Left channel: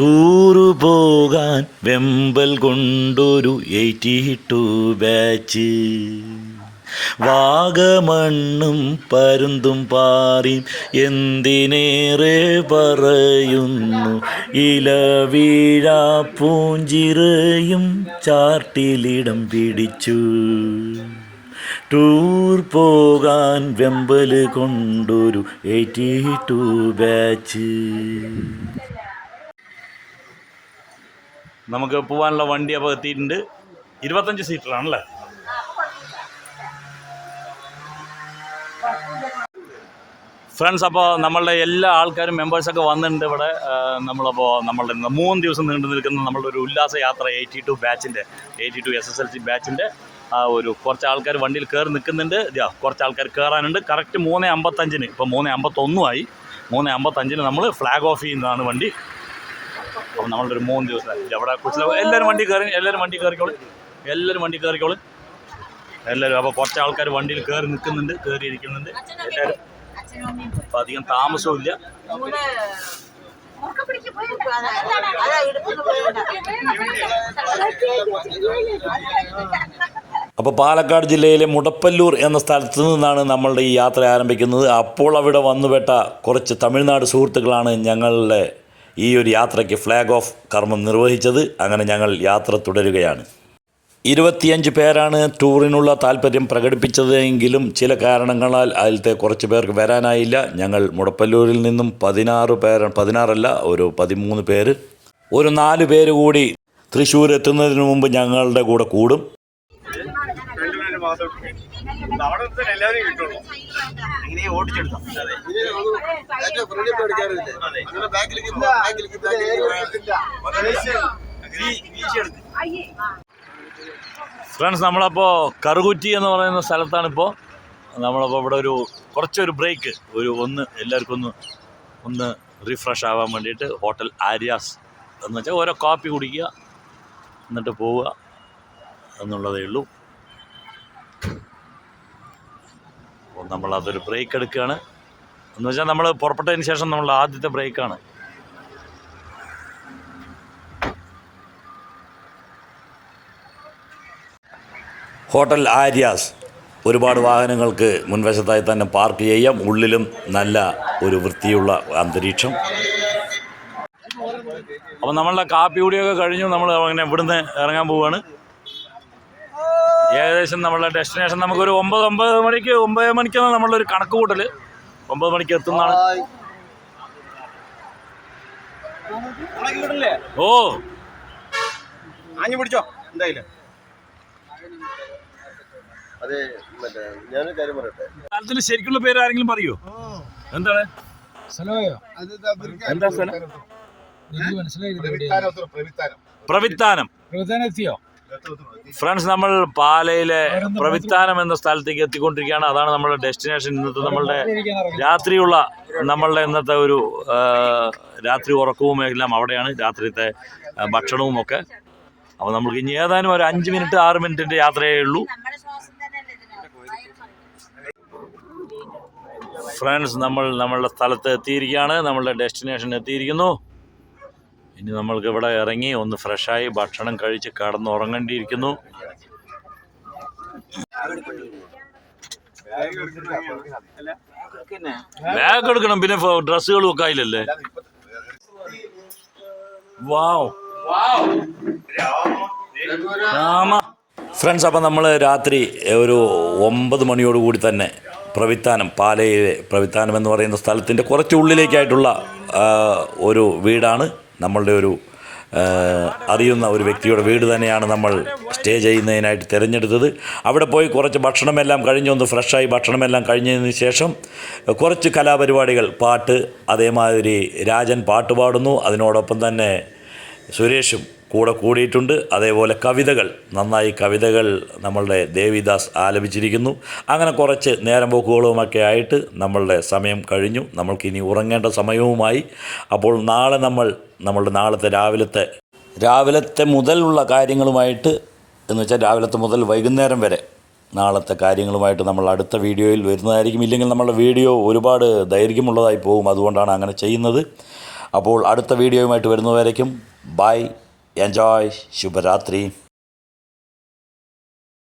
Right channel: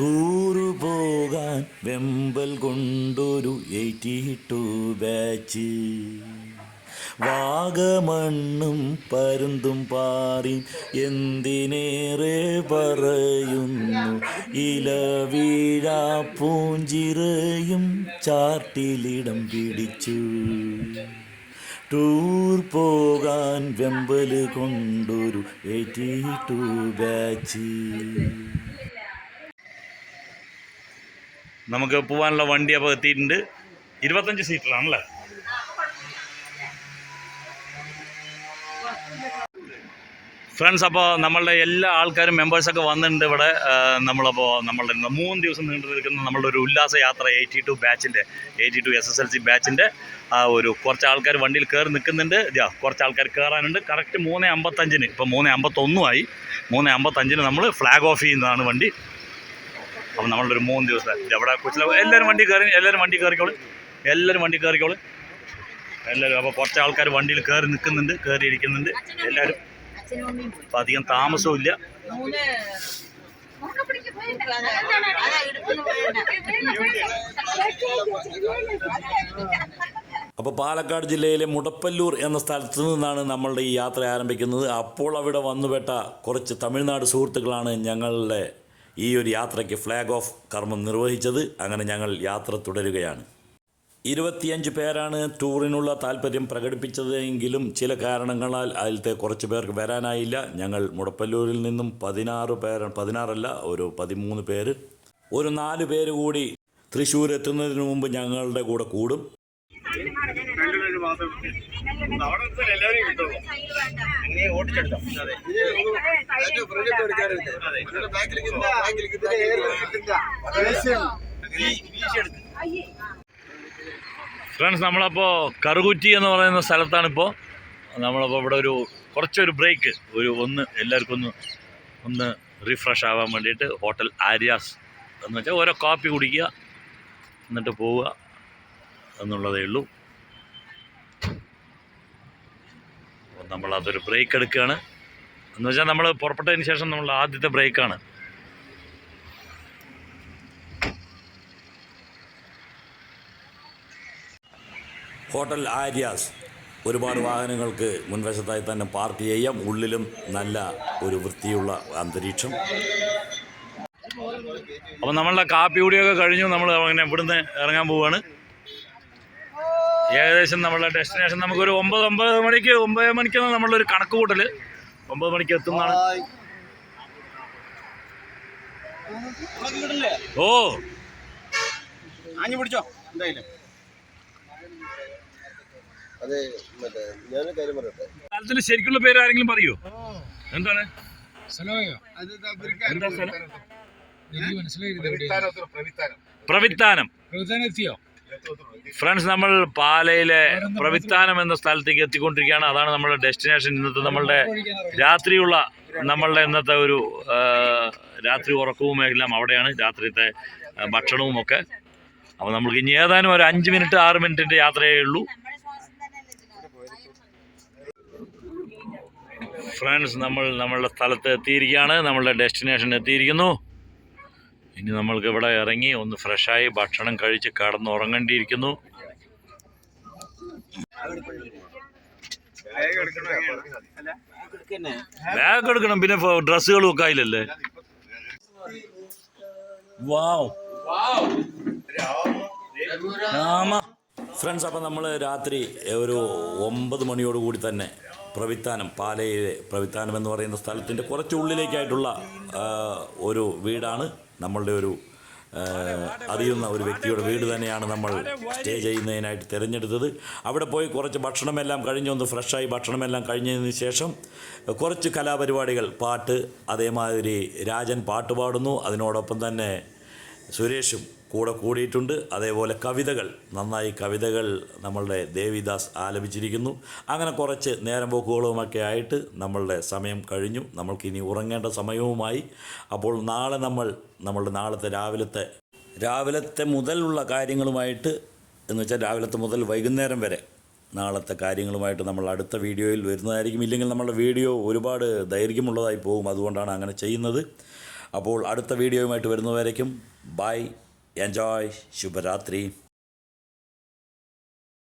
Tour പോകാൻ വെമ്പൽ കൊണ്ടൊരു എയ്റ്റി ടു ബാച്ച്. വാഗമണ്ണും പരുന്തും പാറിയും എന്തിനേറെ പറയുന്നു. ഇലവീഴ പൂഞ്ചിറയും ചാർട്ടിലിടം പിടിച്ചു. ടൂർ പോകാൻ വെമ്പൽ കൊണ്ടൊരു എയ്റ്റി ടു ബാച്ച്. നമുക്ക് പോകാനുള്ള വണ്ടി അപ്പോൾ എത്തിയിട്ടുണ്ട്. ഇരുപത്തഞ്ച് സീറ്ററാണല്ലേ? ഫ്രണ്ട്സ് അപ്പോൾ നമ്മളുടെ എല്ലാ ആൾക്കാരും മെമ്പേഴ്സൊക്കെ വന്നിട്ടുണ്ട് ഇവിടെ. നമ്മളപ്പോൾ നമ്മളുടെ മൂന്ന് ദിവസം നീണ്ടു നിൽക്കുന്ന നമ്മളുടെ ഒരു ഉല്ലാസ യാത്ര എയ്റ്റി ടു ബാച്ചിന്റെ eighty two S S L C ബാച്ചിന്റെ ഒരു കുറച്ച് ആൾക്കാർ വണ്ടിയിൽ കയറി നിൽക്കുന്നുണ്ട്. കുറച്ച് ആൾക്കാർ കയറാനുണ്ട് കറക്റ്റ് മൂന്ന് അമ്പത്തഞ്ചിന്. ഇപ്പോൾ മൂന്ന് അമ്പത്തൊന്നുമായി. മൂന്ന് അമ്പത്തഞ്ചിന് നമ്മൾ ഫ്ലാഗ് ഓഫ് ചെയ്യുന്നതാണ് വണ്ടി. അപ്പം നമ്മളൊരു മൂന്ന് ദിവസം അവിടെ കൊച്ചിലെ എല്ലാവരും വണ്ടി കയറി എല്ലാവരും വണ്ടി കയറിക്കോളൂ എല്ലാവരും വണ്ടി കയറിക്കോളൂ എല്ലാവരും അപ്പോൾ കുറച്ച് ആൾക്കാർ വണ്ടിയിൽ കയറി നിൽക്കുന്നുണ്ട് കയറി ഇരിക്കുന്നുണ്ട് എല്ലാവരും അപ്പം അധികം താമസവും ഇല്ല അപ്പോൾ പാലക്കാട് ജില്ലയിലെ മുടപ്പല്ലൂർ എന്ന സ്ഥലത്ത് നിന്നാണ് നമ്മളുടെ ഈ യാത്ര ആരംഭിക്കുന്നത് അപ്പോൾ അവിടെ വന്നുപെട്ട കുറച്ച് തമിഴ്നാട് സുഹൃത്തുക്കളാണ് ഞങ്ങളുടെ ഈ ഒരു യാത്രയ്ക്ക് ഫ്ലാഗ് ഓഫ് കർമ്മം നിർവഹിച്ചത് അങ്ങനെ ഞങ്ങൾ യാത്ര തുടരുകയാണ്. ഇരുപത്തിയഞ്ച് പേരാണ് ടൂറിനുള്ള താല്പര്യം പ്രകടിപ്പിച്ചതെങ്കിലും ചില കാരണങ്ങളാൽ അതിലത്തെ കുറച്ച് പേർക്ക് വരാനായില്ല. ഞങ്ങൾ മുടപ്പല്ലൂരിൽ നിന്നും പതിനാറ് പേർ പതിനാറല്ല ഒരു പതിമൂന്ന് പേര് ഒരു നാല് പേര് കൂടി തൃശ്ശൂർ എത്തുന്നതിന് മുമ്പ് ഞങ്ങളുടെ കൂടെ കൂടും. ഫ്രണ്ട്സ് നമ്മളപ്പോൾ കറുകുറ്റി എന്ന് പറയുന്ന സ്ഥലത്താണിപ്പോൾ നമ്മളപ്പോൾ ഇവിടെ ഒരു കുറച്ചൊരു ബ്രേക്ക് ഒരു ഒന്ന് എല്ലാവർക്കും ഒന്ന് ഒന്ന് റിഫ്രഷ് ആവാൻ വേണ്ടിയിട്ട് ഹോട്ടൽ ആര്യാസ് എന്ന് വെച്ചാൽ ഓരോ കാപ്പി കുടിക്കുക എന്നിട്ട് പോവുക എന്നുള്ളതേ ഉള്ളൂ. അപ്പോൾ നമ്മൾ അതൊരു ബ്രേക്ക് എടുക്കുകയാണ്. എന്ന് വെച്ചാൽ നമ്മൾ പുറപ്പെട്ടതിന് ശേഷം നമ്മൾ ആദ്യത്തെ ബ്രേക്കാണ് ഹോട്ടൽ ആര്യാസ് ഒരുപാട് വാഹനങ്ങൾക്ക് മുൻവശത്തായി തന്നെ പാർക്ക് ചെയ്യാം. ഉള്ളിലും നല്ല ഒരു വൃത്തിയുള്ള അന്തരീക്ഷം. അപ്പോൾ നമ്മളുടെ കാപ്പി കൂടിയൊക്കെ കഴിഞ്ഞു. നമ്മൾ അങ്ങനെ ഇവിടുന്ന് ഇറങ്ങാൻ പോവുകയാണ്. ഏകദേശം നമ്മളുടെ ഡെസ്റ്റിനേഷൻ നമുക്കൊരു ഒമ്പത് ഒമ്പത് മണിക്ക് ഒമ്പത് മണിക്കാണ് നമ്മളുടെ ഒരു കണക്ക് കൂട്ടൽ ഒമ്പത് മണിക്ക് എത്തുന്നതാണ്. ഓ. ആഞ്ഞു പിടിച്ചോ എന്തായാലും. അതെ മറ്റേ ഞാനൊരു കാര്യം പറയട്ടെ? സ്ഥലത്തിന് ശരിക്കുള്ള പേര് ആരെങ്കിലും പറയോ? എന്താണ്? എന്താ സ്ഥലം? മനസ്സിലായില്ല പ്രവിത്താനം. പ്രവിത്താനം എത്തിയോ? ഫ്രണ്ട്സ് നമ്മൾ പാലയിലെ പ്രവിത്താനം എന്ന സ്ഥലത്തേക്ക് എത്തിക്കൊണ്ടിരിക്കുകയാണ്. അതാണ് നമ്മുടെ ഡെസ്റ്റിനേഷൻ. ഇന്നത്തെ നമ്മളുടെ രാത്രിയുള്ള നമ്മളുടെ ഇന്നത്തെ ഒരു രാത്രി ഉറക്കവും എല്ലാം അവിടെയാണ്. രാത്രിത്തെ ഭക്ഷണവും ഒക്കെ. അപ്പോൾ നമുക്ക് ഇനി ഏതാനും ഒരു അഞ്ച് മിനിറ്റ് ആറ് മിനിറ്റിന്റെ യാത്രയേ ഉള്ളൂ. ഫ്രണ്ട്സ് നമ്മൾ നമ്മളുടെ സ്ഥലത്ത് എത്തിയിരിക്കുകയാണ്. നമ്മളുടെ ഡെസ്റ്റിനേഷൻ എത്തിയിരിക്കുന്നു. ഇനി നമ്മൾക്ക് ഇവിടെ ഇറങ്ങി ഒന്ന് ഫ്രഷായി ഭക്ഷണം കഴിച്ച് കടന്ന് ഉറങ്ങേണ്ടിയിരിക്കുന്നു ബാഗ് എടുക്കണം. പിന്നെ ഡ്രസ്സുകളും ഒക്കെ ആയില്ലല്ലേ വാവ് ഫ്രണ്ട്സ് അപ്പം നമ്മൾ രാത്രി ഒരു ഒമ്പത് മണിയോടുകൂടി തന്നെ പ്രവിത്താനം പാലയിലെ പ്രവിത്താനം എന്ന് പറയുന്ന സ്ഥലത്തിന്റെ കുറച്ച് ഉള്ളിലേക്കായിട്ടുള്ള ഒരു വീടാണ്. നമ്മളുടെ ഒരു അറിയുന്ന ഒരു വ്യക്തിയുടെ വീട് തന്നെയാണ് നമ്മൾ സ്റ്റേ ചെയ്യുന്നതിനായിട്ട് തിരഞ്ഞെടുത്തത്. അവിടെ പോയി കുറച്ച് ഭക്ഷണമെല്ലാം കഴിഞ്ഞൊന്ന് ഫ്രഷായി ഭക്ഷണമെല്ലാം കഴിഞ്ഞതിന് ശേഷം കുറച്ച് കലാപരിപാടികൾ പാട്ട് അതേമാതിരി രാജൻ പാട്ട് പാടുന്നു. അതിനോടൊപ്പം തന്നെ സുരേഷും കൂടെ കൂടിയിട്ടുണ്ട്. അതേപോലെ കവിതകൾ. നന്നായി കവിതകൾ നമ്മളുടെ ദേവിദാസ് ആലപിച്ചിരിക്കുന്നു. അങ്ങനെ കുറച്ച് നേരം പോക്കുകളുമൊക്കെ ആയിട്ട് നമ്മളുടെ സമയം കഴിഞ്ഞു. നമ്മൾക്കിനി ഉറങ്ങേണ്ട സമയവുമായി. അപ്പോൾ നാളെ നമ്മൾ നമ്മളുടെ നാളത്തെ രാവിലത്തെ രാവിലത്തെ മുതലുള്ള കാര്യങ്ങളുമായിട്ട് എന്ന് വെച്ചാൽ രാവിലത്തെ മുതൽ വൈകുന്നേരം വരെ നാളത്തെ കാര്യങ്ങളുമായിട്ട് നമ്മൾ അടുത്ത വീഡിയോയിൽ വരുന്നതായിരിക്കും. ഇല്ലെങ്കിൽ നമ്മളുടെ വീഡിയോ ഒരുപാട് ദൈർഘ്യമുള്ളതായി പോകും. അതുകൊണ്ടാണ് അങ്ങനെ ചെയ്യുന്നത്. അപ്പോൾ അടുത്ത വീഡിയോയുമായിട്ട് വരുന്നവരേക്കും ബൈ. Enjoy. Shubharatri.